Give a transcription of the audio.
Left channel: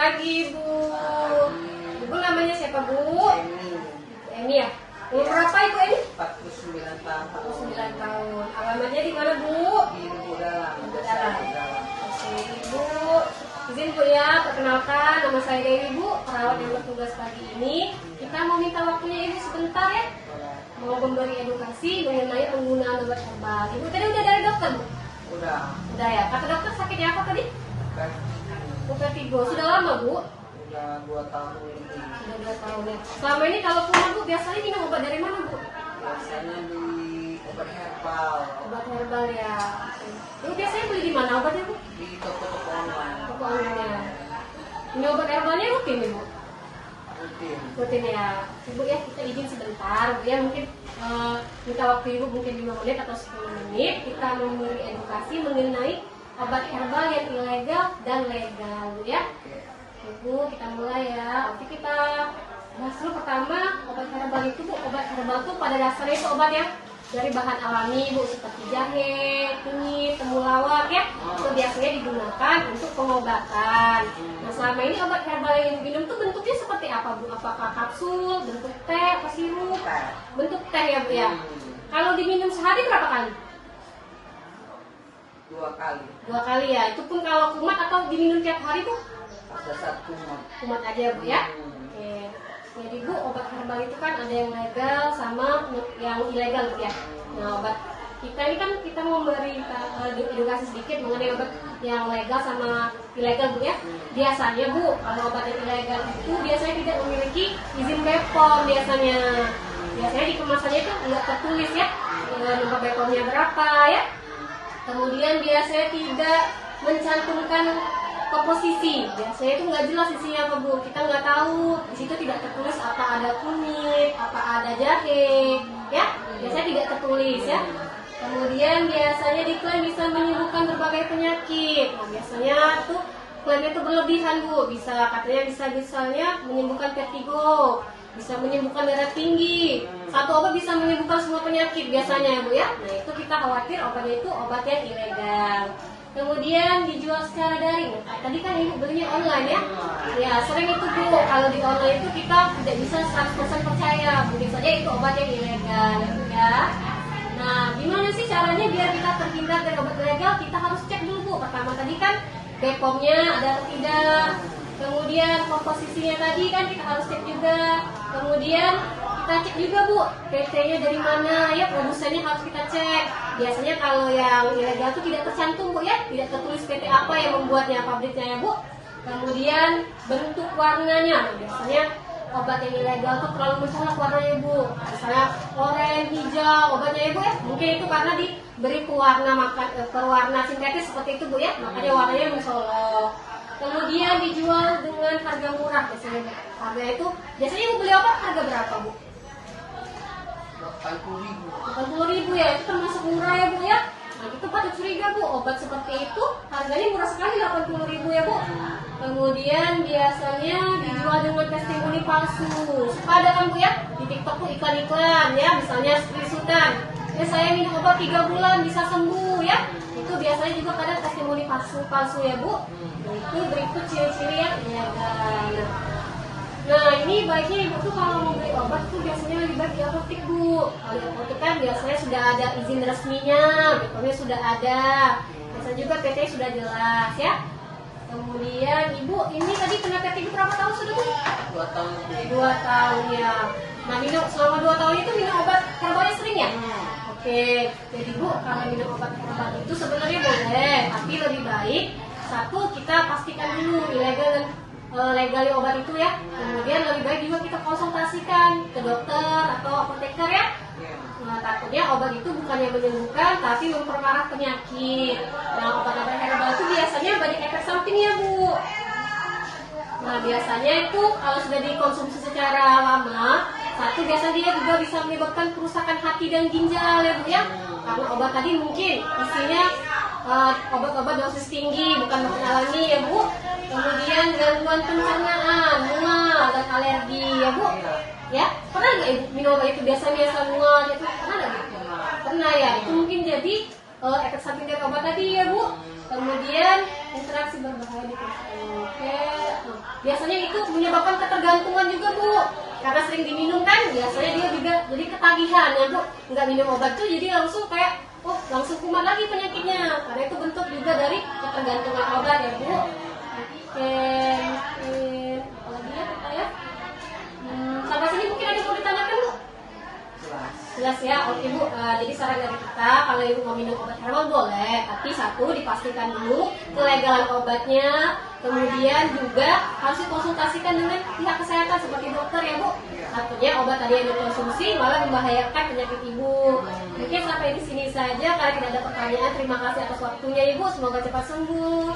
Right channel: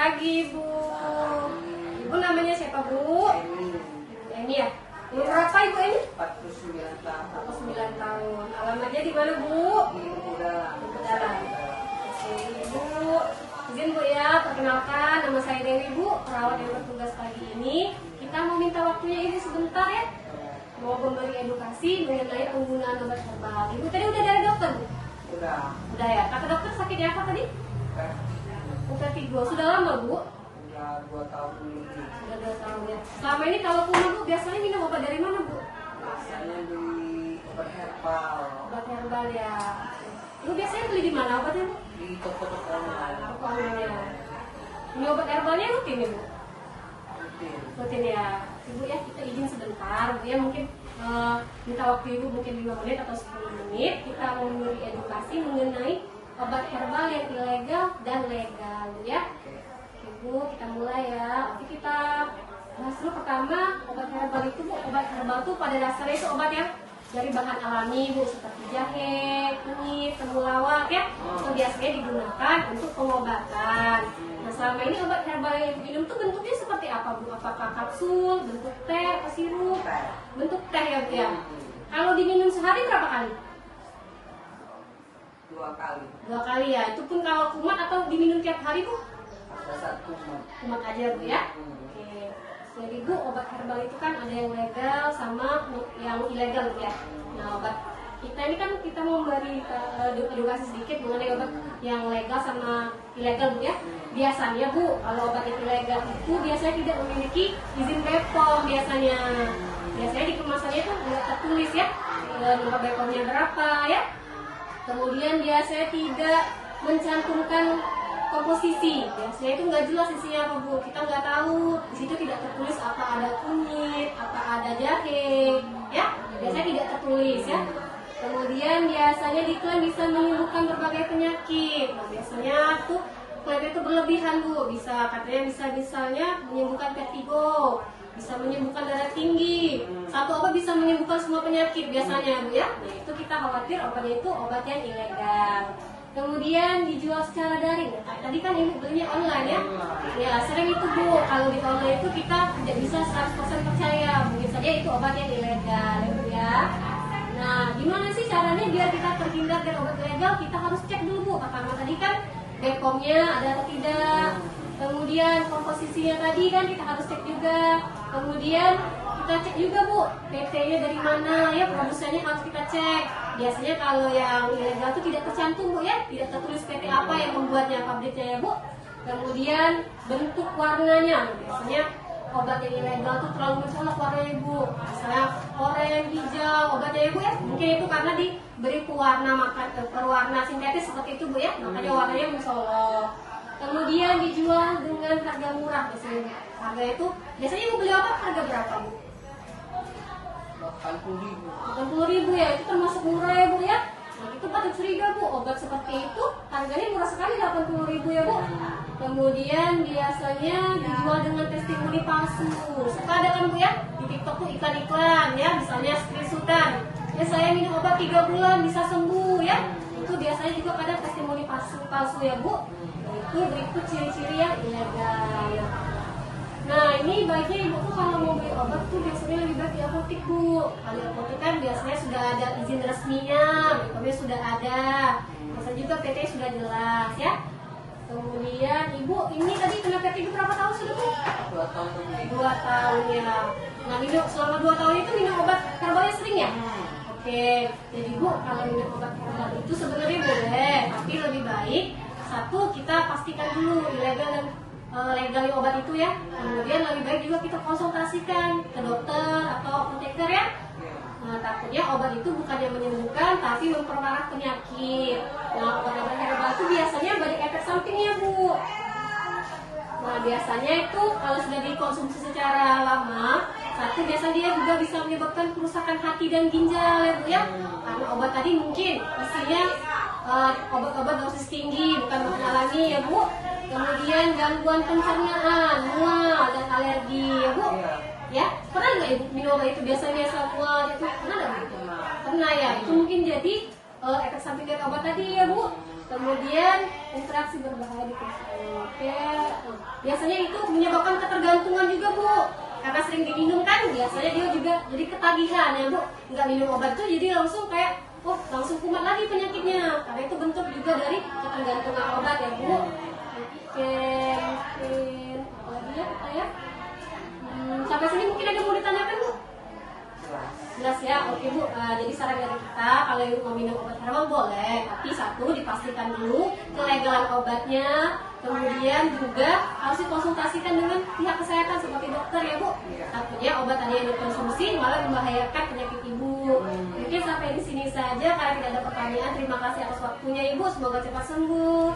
pagi, Bu. Ibu namanya siapa, Bu? Emi ya? Umur berapa Ibu ini? 49 tahun. 49 tahun. Alamatnya di mana, Bu? Di Lubudara. Oke, Ibu. Izin Bu ya, perkenalkan nama saya Dewi, Bu, perawat yang bertugas pagi ini. Kita mau minta waktunya Ibu sebentar ya. Mau memberi edukasi mengenai penggunaan obat herbal. Ibu tadi udah dari dokter, Bu? Udah ya. Kata dokter sakitnya apa tadi? Vertigo. Sudah lama, Bu? Udah 2 tahun ini. Sudah 2 tahun ya. Selama ini kalau kumat, Bu, biasanya minum obat dari mana, Bu? Biasanya di obat herbal. Obat herbal ya. Ibu biasanya beli di mana obatnya, Bu? Di toko-toko online. Toko online. Ini obat herbalnya rutin, Bu? Rutin ya. Ibu ya, kita izin sebentar, Bu ya, mungkin minta waktu Ibu mungkin 5 menit atau 10 menit. Kita memberi edukasi mengenai obat herbal yang ilegal dan legal, Bu ya. Ibu, kita mulai ya. Oke, kita bahas dulu pertama obat herbal itu, Bu. Obat herbal itu pada dasarnya itu obat yang dari bahan alami, Bu, seperti jahe, kunyit, temulawak ya. Itu biasanya digunakan untuk pengobatan. Nah, selama ini obat herbal yang diminum itu bentuknya seperti apa, Bu? Apakah kapsul, bentuk teh, atau sirup? Bentuk teh ya, Bu ya. Kalau diminum sehari berapa kali? 2 kali. 2 kali ya. Itu pun kalau kumat atau diminum tiap hari, Bu? Ada 1 kumat. Kumat aja, Bu ya. Oke. Jadi, Bu, obat herbal itu kan ada yang legal sama yang ilegal, Bu ya. Nah, obat kita ini kan kita mau memberi edukasi sedikit mengenai obat yang legal sama ilegal, Bu ya. Biasanya, Bu, kalau obat yang ilegal itu biasanya tidak memiliki izin BPOM biasanya. Biasanya di kemasannya itu nggak tertulis ya, nomor BPOM-nya berapa ya. Kemudian biasanya tidak mencantumkan komposisi. Biasanya itu nggak jelas isinya apa, Bu. Kita nggak tahu. Di situ tidak tertulis apa ada kunyit, apa ada jahe, ya. Biasanya tidak tertulis ya. Kemudian biasanya diklaim bisa menyembuhkan berbagai penyakit. Nah, biasanya tuh klaimnya itu berlebihan, Bu. Katanya bisa misalnya menyembuhkan vertigo, bisa menyembuhkan darah tinggi. Satu obat bisa menyembuhkan semua penyakit biasanya, Bu ya. Nah, itu kita khawatir obatnya itu obat yang ilegal. Kemudian dijual secara daring. Nah, tadi kan Ibu belinya online ya. Ya, sering itu, Bu. Kalau di online itu kita tidak bisa 100% percaya. Mungkin saja itu obat yang ilegal, ya, Bu ya. Nah, gimana sih caranya biar kita terhindar dari obat ilegal? Kita harus cek dulu, Bu. Pertama tadi kan BPOM-nya ada atau tidak. Kemudian komposisinya tadi kan kita harus cek juga. Kemudian kita cek juga, Bu, PT-nya dari mana ya, produsennya harus kita cek. Biasanya kalau yang ilegal itu tidak tercantum, Bu ya, tidak tertulis PT apa yang membuatnya, pabriknya ya, Bu. Kemudian bentuk warnanya. Nah, biasanya obat yang ilegal itu terlalu mencolok warnanya, Bu. Misalnya oranye, hijau, obatnya ya, Bu ya. Mungkin itu karena diberi pewarna sintetis seperti itu, Bu ya. Makanya warnanya mencolok. Kemudian dijual dengan harga murah biasanya. Harga itu biasanya Ibu beli obat harga berapa, Bu? 80.000. 80.000 ya, itu termasuk murah ya, Bu ya. Nah, itu patut curiga, Bu. Obat seperti itu harganya murah sekali, 80.000 ya, Bu. Kemudian biasanya dijual dengan testimoni palsu. Suka ada kan, Bu ya, di TikTok tuh iklan-iklan ya, misalnya screenshotan. Ya, saya minum obat 3 bulan bisa sembuh ya. Itu biasanya juga kadang testimoni palsu ya, Bu. Nah, itu berikut ciri-ciri yang ilegal. Nah, ini baiknya Ibu tuh kalau mau beli obat tuh biasanya lebih baik di apotek, Bu. Kalau apotek kan biasanya sudah ada izin resminya, BPOM-nya sudah ada. Biasanya juga PT sudah jelas ya. Kemudian Ibu ini tadi kena vertigo berapa tahun sudah, Bu? 2 tahun. 2 tahun ya. Nah, selama 2 tahun itu minum obat herbalnya sering ya? Oke, jadi Bu, kalau minum obat herbal itu sebenarnya boleh, tapi lebih baik satu kita pastikan dulu ilegal dan legal obat itu ya. Kemudian lebih baik juga kita konsultasikan ke dokter atau apoteker ya. Nah, takutnya obat itu bukannya menyembuhkan tapi memperparah penyakit. Nah, obat-obat herbal itu biasanya banyak efek sampingnya, Bu. Nah, biasanya itu kalau sudah dikonsumsi secara lama, satu biasanya dia juga bisa menyebabkan kerusakan hati dan ginjal ya, Bu ya. Karena obat tadi mungkin isinya obat-obat dosis tinggi, bukan alami ya, Bu. Kemudian gangguan pencernaan, mual dan alergi ya, Bu. Ya, pernah nggak Ibu minum obat itu biasa mual itu? Pernah nggak, Bu? Pernah ya. Itu mungkin jadi efek samping dari obat tadi ya Bu. Kemudian interaksi berbahaya di kulit. Oke. Biasanya itu menyebabkan ketergantungan juga Bu. Karena sering diminum kan, biasanya dia juga jadi ketagihan ya Bu. Nggak minum obat tuh jadi langsung kayak langsung kumat lagi penyakitnya. Karena itu bentuk juga dari ketergantungan obat ya Bu. Oke, mungkin apalagi ya kita ya. Sampai sini mungkin ada mau ditanyakan Bu? Jelas. Jelas ya, oke Bu. Jadi saran dari kita kalau ibu mau minum obat herbal boleh, tapi satu dipastikan dulu kelegalan obatnya, kemudian juga harus dikonsultasikan dengan pihak kesehatan seperti dokter ya Bu. Takutnya obat tadi yang dikonsumsi malah membahayakan penyakit ibu. Mungkin sampai di sini saja, karena tidak ada pertanyaan. Terima kasih atas waktunya Ibu, semoga cepat sembuh.